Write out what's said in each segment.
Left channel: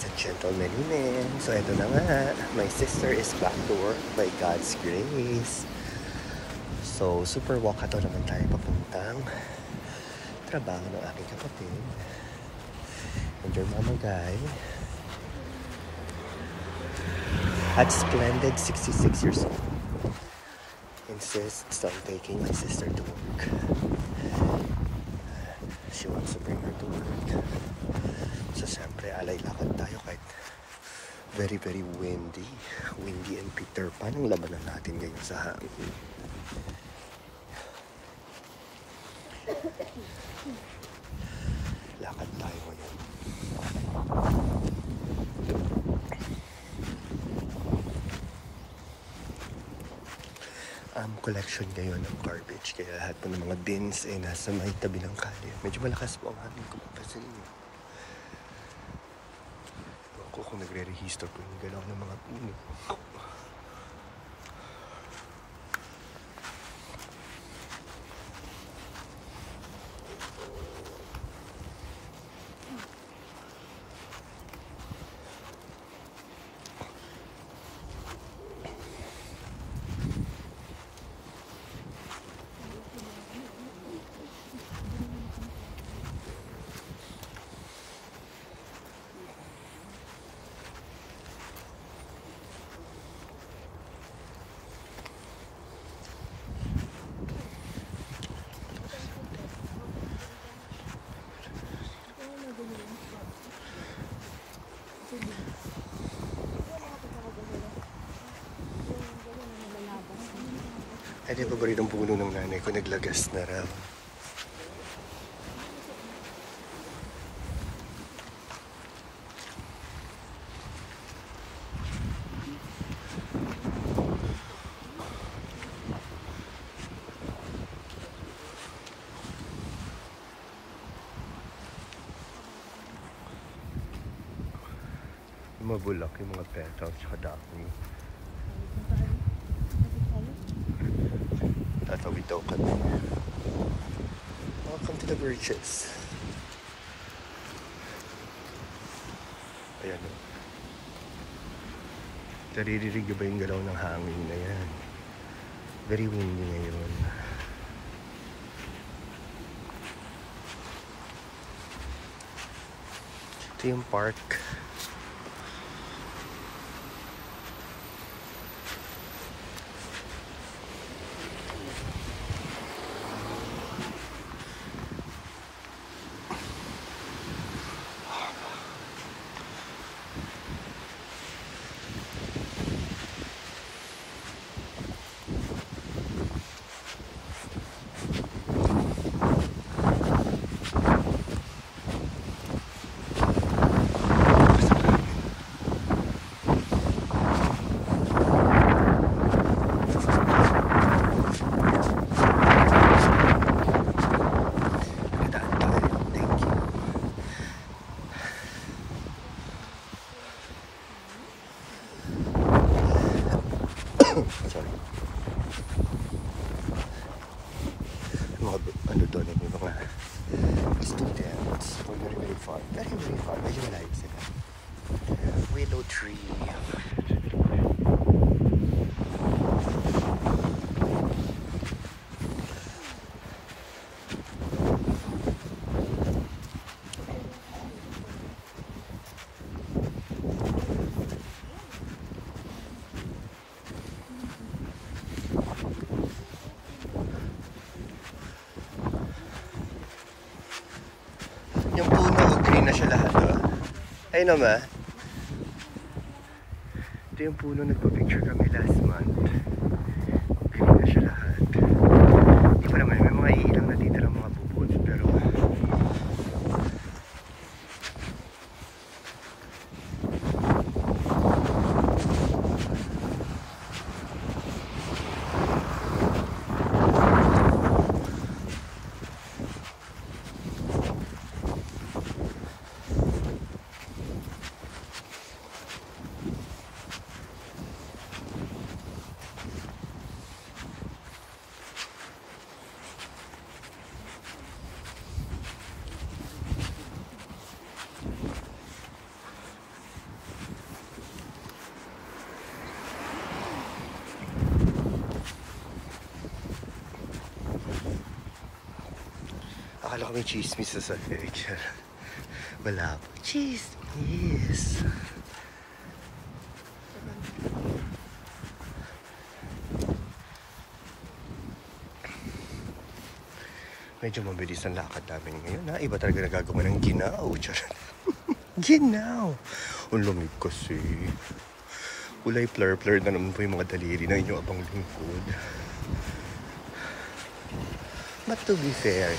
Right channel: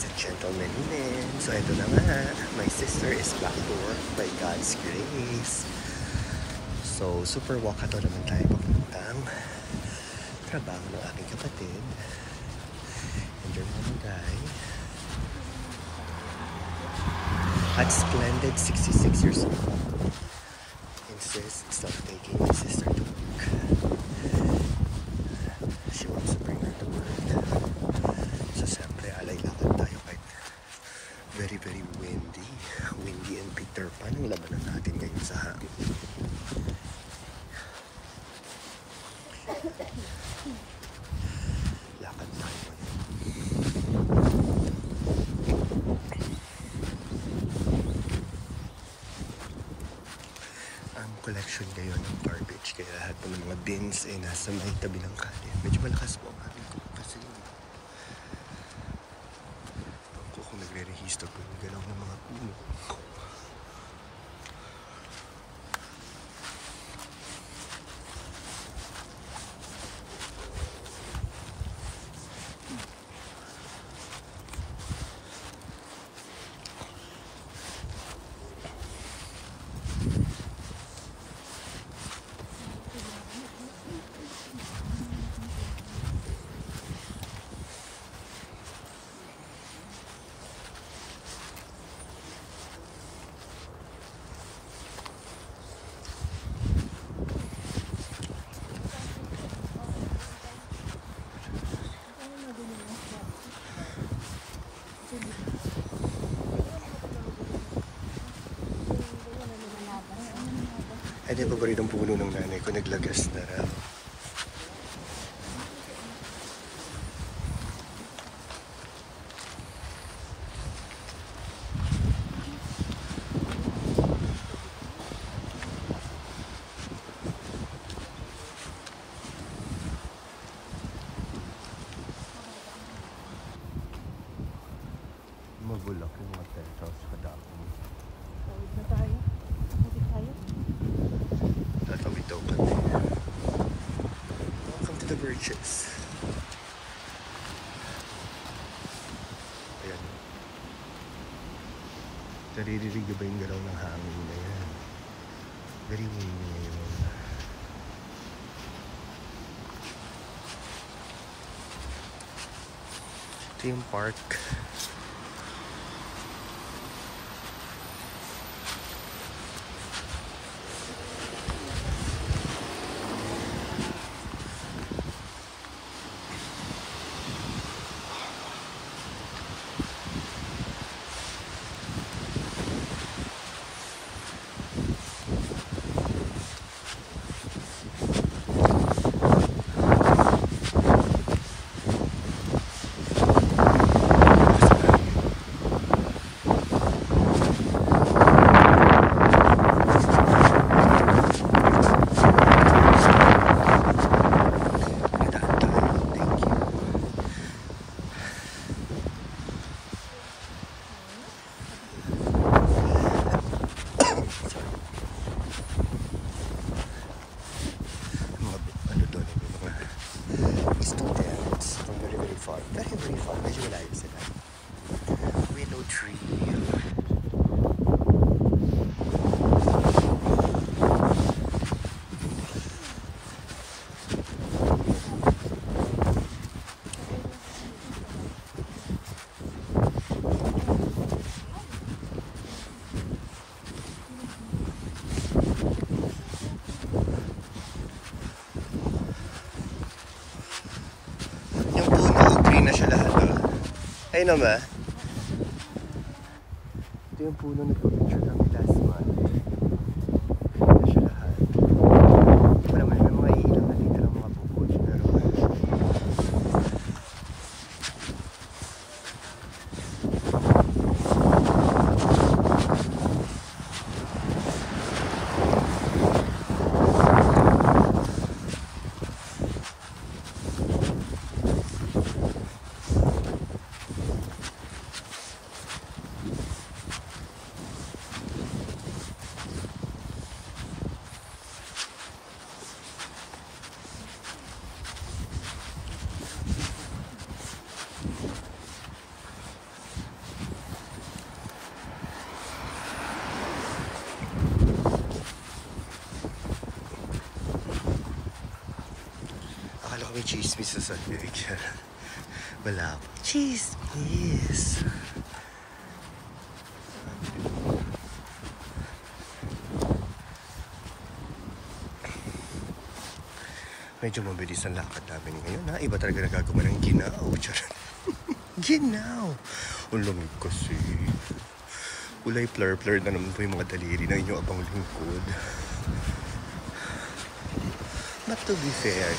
Ladies and gentlemen, so ito na nga, my sister is back to work by God's grace. So, super wakato naman tayo papuntang trabaho ng aking kapatid and your mama guy at splendid 66 years old insists on taking my sister to work. She wants to bring her to work. So, siyempre, alay-lakad tayo kahit very, very windy. Windy and Peter Pan ang labanan natin ngayon sa hangin. Lakad tayo ngayon. Collection ngayon ng garbage. Kaya lahat po ng mga bins ay nasa may tabi ng kalye. Medyo malakas po ang hangin ko kasi kung nagre-rehisto po yung galaw ng mga puno. Ay, di ba ba rin ang puno ng nanay ko naglagas na raw? Mabulak yung mga petals sa dami. Tatawid daw kami. Welcome to the bridges. Ayan o. Naririnig ba yung galaw ng hangin na yan? Very windy ngayon. Ito yung park. Very, very far. Medyo malayo sila. Willow tree. Yung puno, green na siya lahat, oh. Ay naman. Ito yung puno, nagpa-picture kami last month. Green na siya lahat. Hindi pa naman, may mga ilang natitirang mga bubuds, pero Baka may chismis sa sahig. Wala po. Chismis! Medyo mabilis ang lakad namin ngayon ha. Iba talaga nagagawa ng ginaw. Charot. Ginaw! Ang lamig kasi. Kulay plur-plur na naman po yung mga daliri na inyong abang lingkod. But to be fair,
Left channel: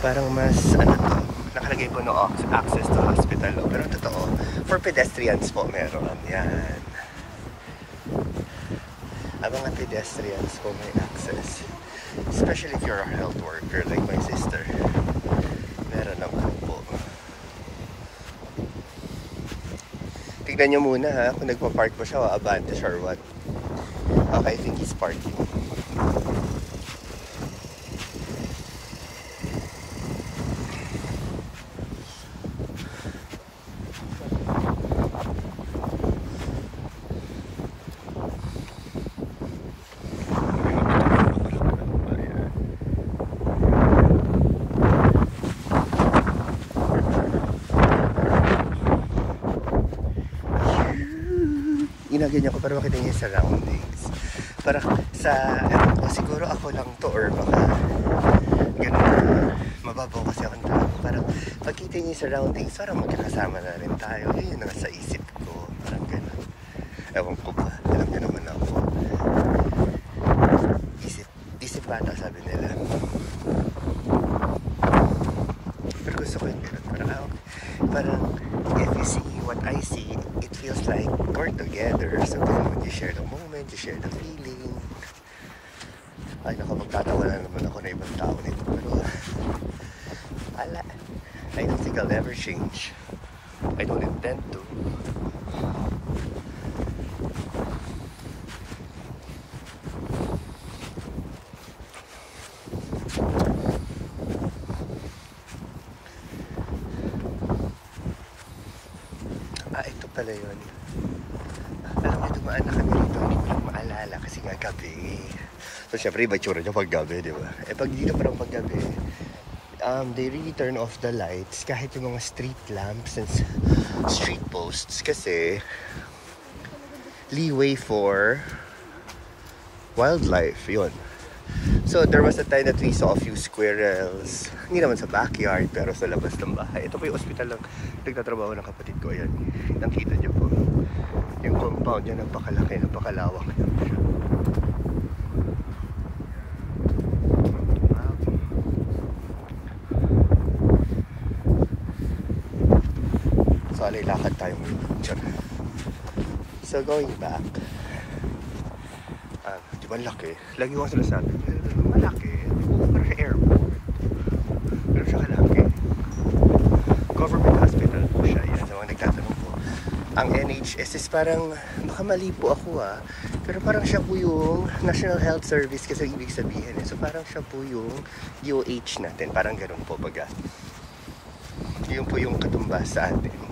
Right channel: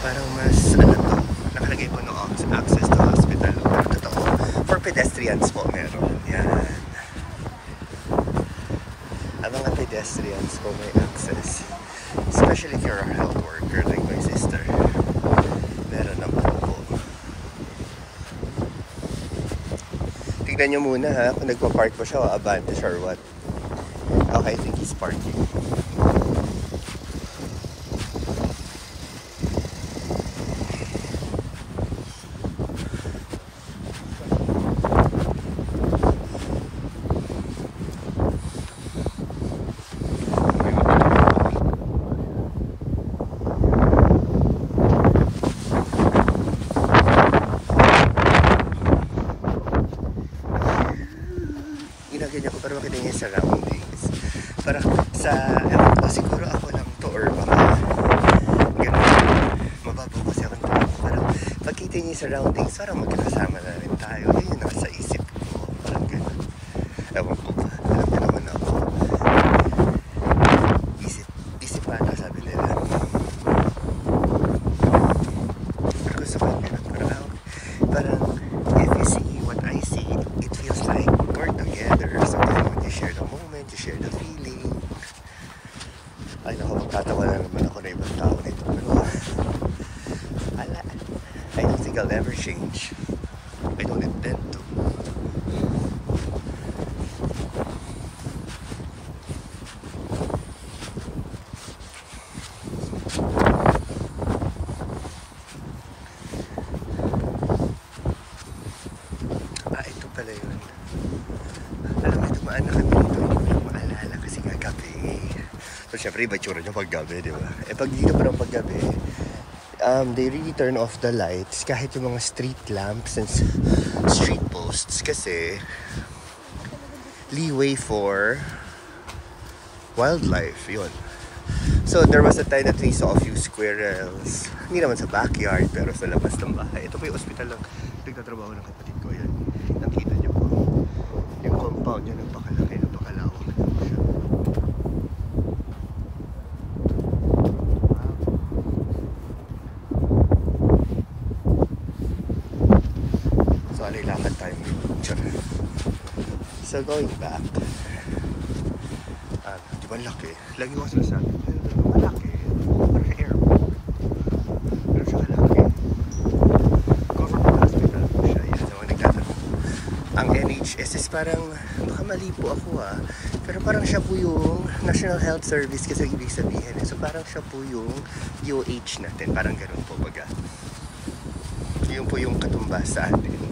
parang mas, ano to, nakalagay po no access to hospital. Pero totoo, for pedestrians po meron. Yan. Ang mga pedestrians po may access. Especially if you're a health worker like my sister. Meron naman po. Tignan nyo muna ha, kung nagpa-park ba siya o abante or what. Okay, I think he's parking. Ginagyan ko para makita niya yung surroundings. Para sa, ewan ko, siguro ako lang to or baka ganun. Mababaw kasi ako nito. Parang pagkita niya yung surroundings, parang magkakasama na rin tayo. Yun yung nasa isip ko. Parang ganun. Ewan ko ba? Alam niya naman ako. Isip bata sabi nila. Pero gusto ko yung ganun. Parang if you see what I see, it feels like we're together. Sometimes when you share the moment, you share the feeling. Ay naku, magtatawa na naman ako na ibang tao nito. Pero I don't think I'll ever change. I don't intend to. Ito pala yun. Alam mo, dumaan na kami dito. Hindi ko lang maalala kasi nga gabi. So, syempre, iba tsura niya pag gabi, di ba? Eh, pag dito parang pag gabi, they really turn off the lights kahit yung mga street lamps and street posts kasi leeway for wildlife, yun. So, there was a time that we saw a few squirrels. Hindi naman sa backyard, pero sa labas ng bahay. Ito po yung ospital ng nagtatrabaho ng kapatid ko. Ayan. Nakita niyo po. Yung compound niya, napakalaki, napakalawak. Yan po siya. Wow. So, alay lakad tayo ngayon. So, going back. Di ba laki? Lagi ko sinasabi. Malaki. Parang sa airport. Pero siya kalaki. Government hospital po siya. Yan sa mga nagtatanong po. Ang NHS is parang, baka mali po ako pero parang siya po yung National Health Service kasi ibig sabihin. So parang siya po yung DOH natin. Parang ganun po baga. Yun po yung katumbas sa atin.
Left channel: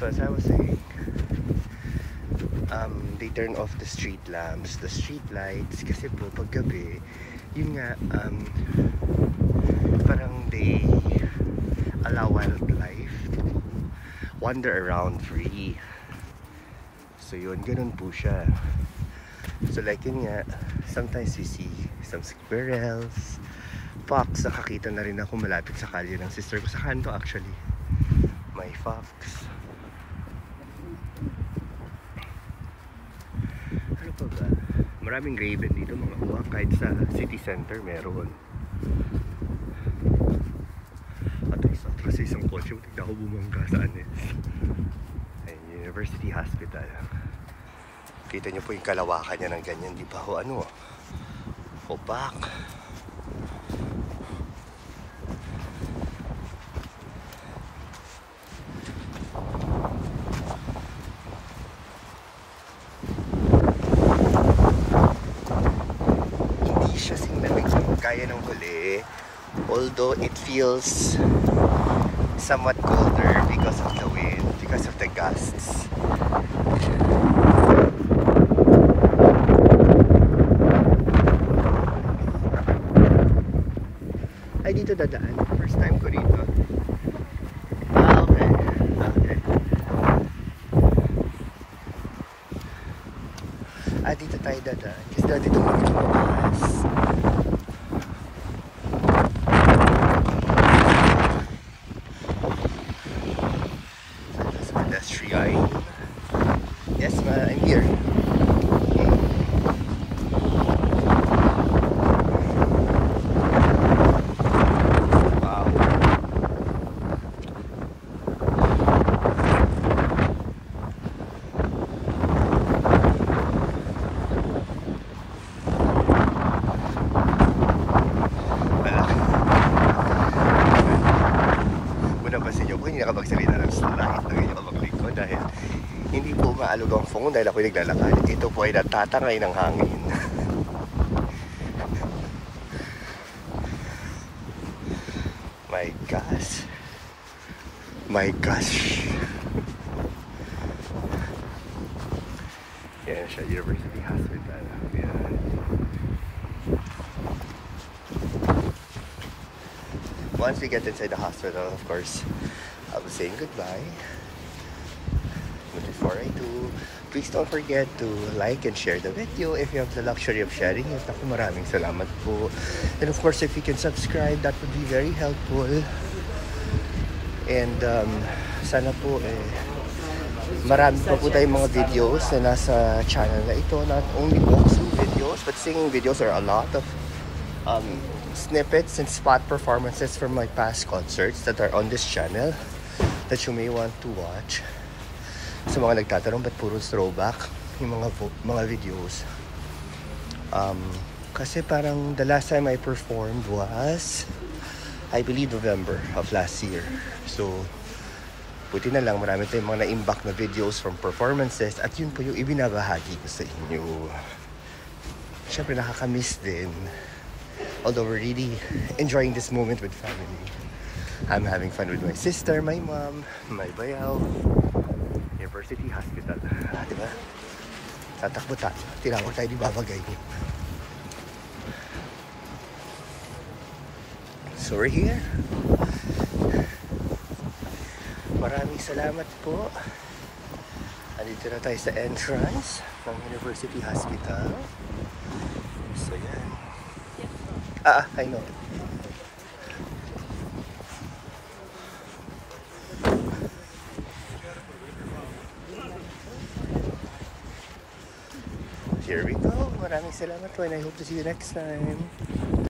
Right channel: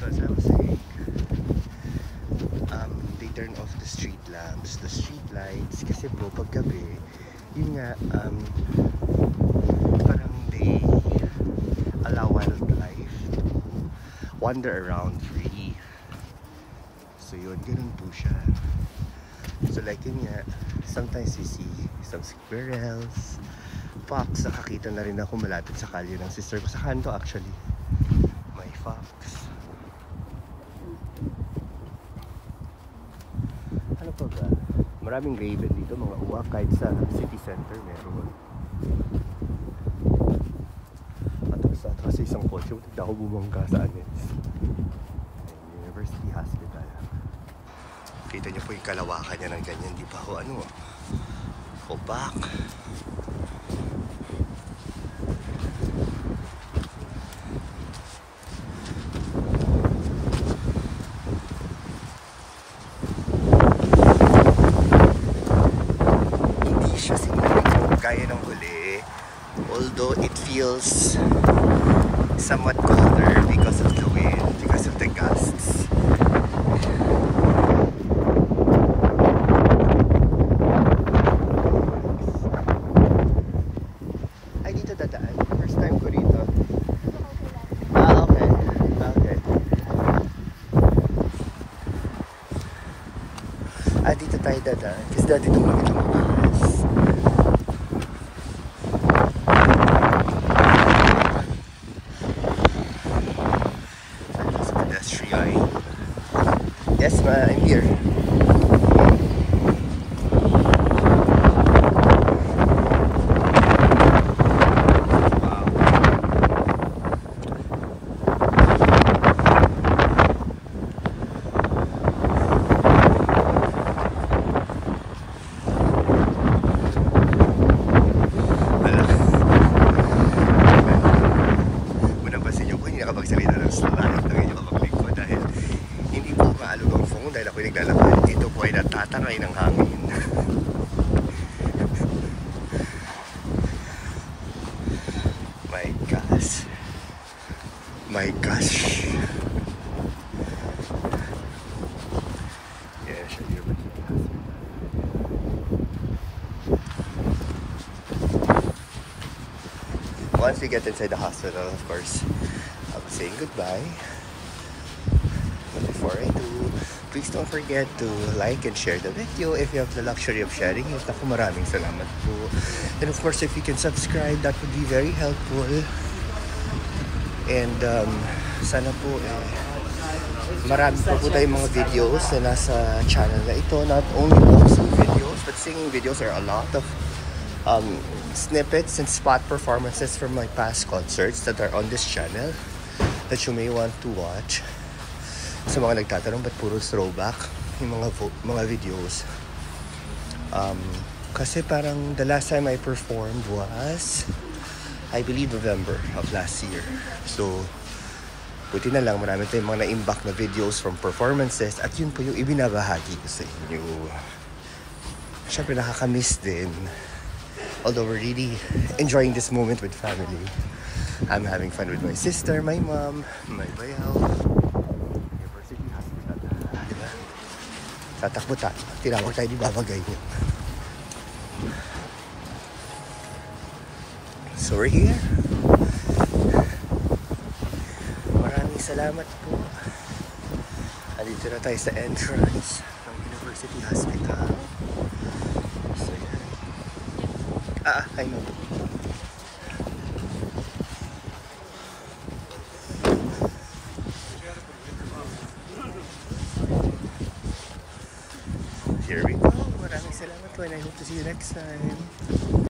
So as I was saying, they turn off the street lamps, the street lights, kasi po pag gabi, yun nga, parang they allow wildlife to wander around free. So yun, ganun po siya. So like yun nga, sometimes you see some squirrels, fox, nakakita na rin ako malapit sa kalye ng sister ko sa kanto actually. May fox. Ano pa ba? Maraming raven dito, mga uwak, kahit sa city center meron. At isa kasi isang kotse, tignan ko bumangga saan Ayun, University Hospital. Kita nyo po yung kalawakan niya ng ganyan, di pa ho ano, opak. Kaya ng huli, although it feels somewhat colder because of the wind, because of the gusts. dito dadaan. First time ko dito. Ah, okay. Okay. Ah, dito tayo dadaan. Kasi dati doon kami lumabas. There's a pedestrian. Yes, I'm here. Napansin nyo po, hindi nakapagsalita ng slide ng inyong kapaglikod dahil hindi po maalog ang phone dahil ako'y naglalakad. Ito po ay natatangay ng hangin. My gosh. My gosh. Yan siya, University Hospital. Yan. Once we get inside the hospital, of course, I'll be saying goodbye. But before I do, please don't forget to like and share the video if you have the luxury of sharing it. Ako, maraming salamat po. And of course, if you can subscribe, that would be very helpful. And sana po marami pa po tayong mga videos na nasa channel na ito. Not only walkthrough videos, but singing videos are a lot of snippets and spot performances from my past concerts that are on this channel that you may want to watch. Sa mga nagtatanong ba't puro throwback yung mga videos, kasi parang the last time I performed was, I believe, November of last year. So buti na lang marami tayong mga na-imbak na videos from performances at yun po yung ibinabahagi ko sa inyo. Siyempre nakakamiss din. Although we're really enjoying this moment with family. I'm having fun with my sister, my mom, my bayaw. University Hospital. Diba? Tatakbo tayo. Tinawag tayo ni Baba Gayo. So we're here. Maraming salamat po. Andito na tayo sa entrance ng University Hospital. So yan. I know. Here we go. Maraming salamat po and I hope to see you next time.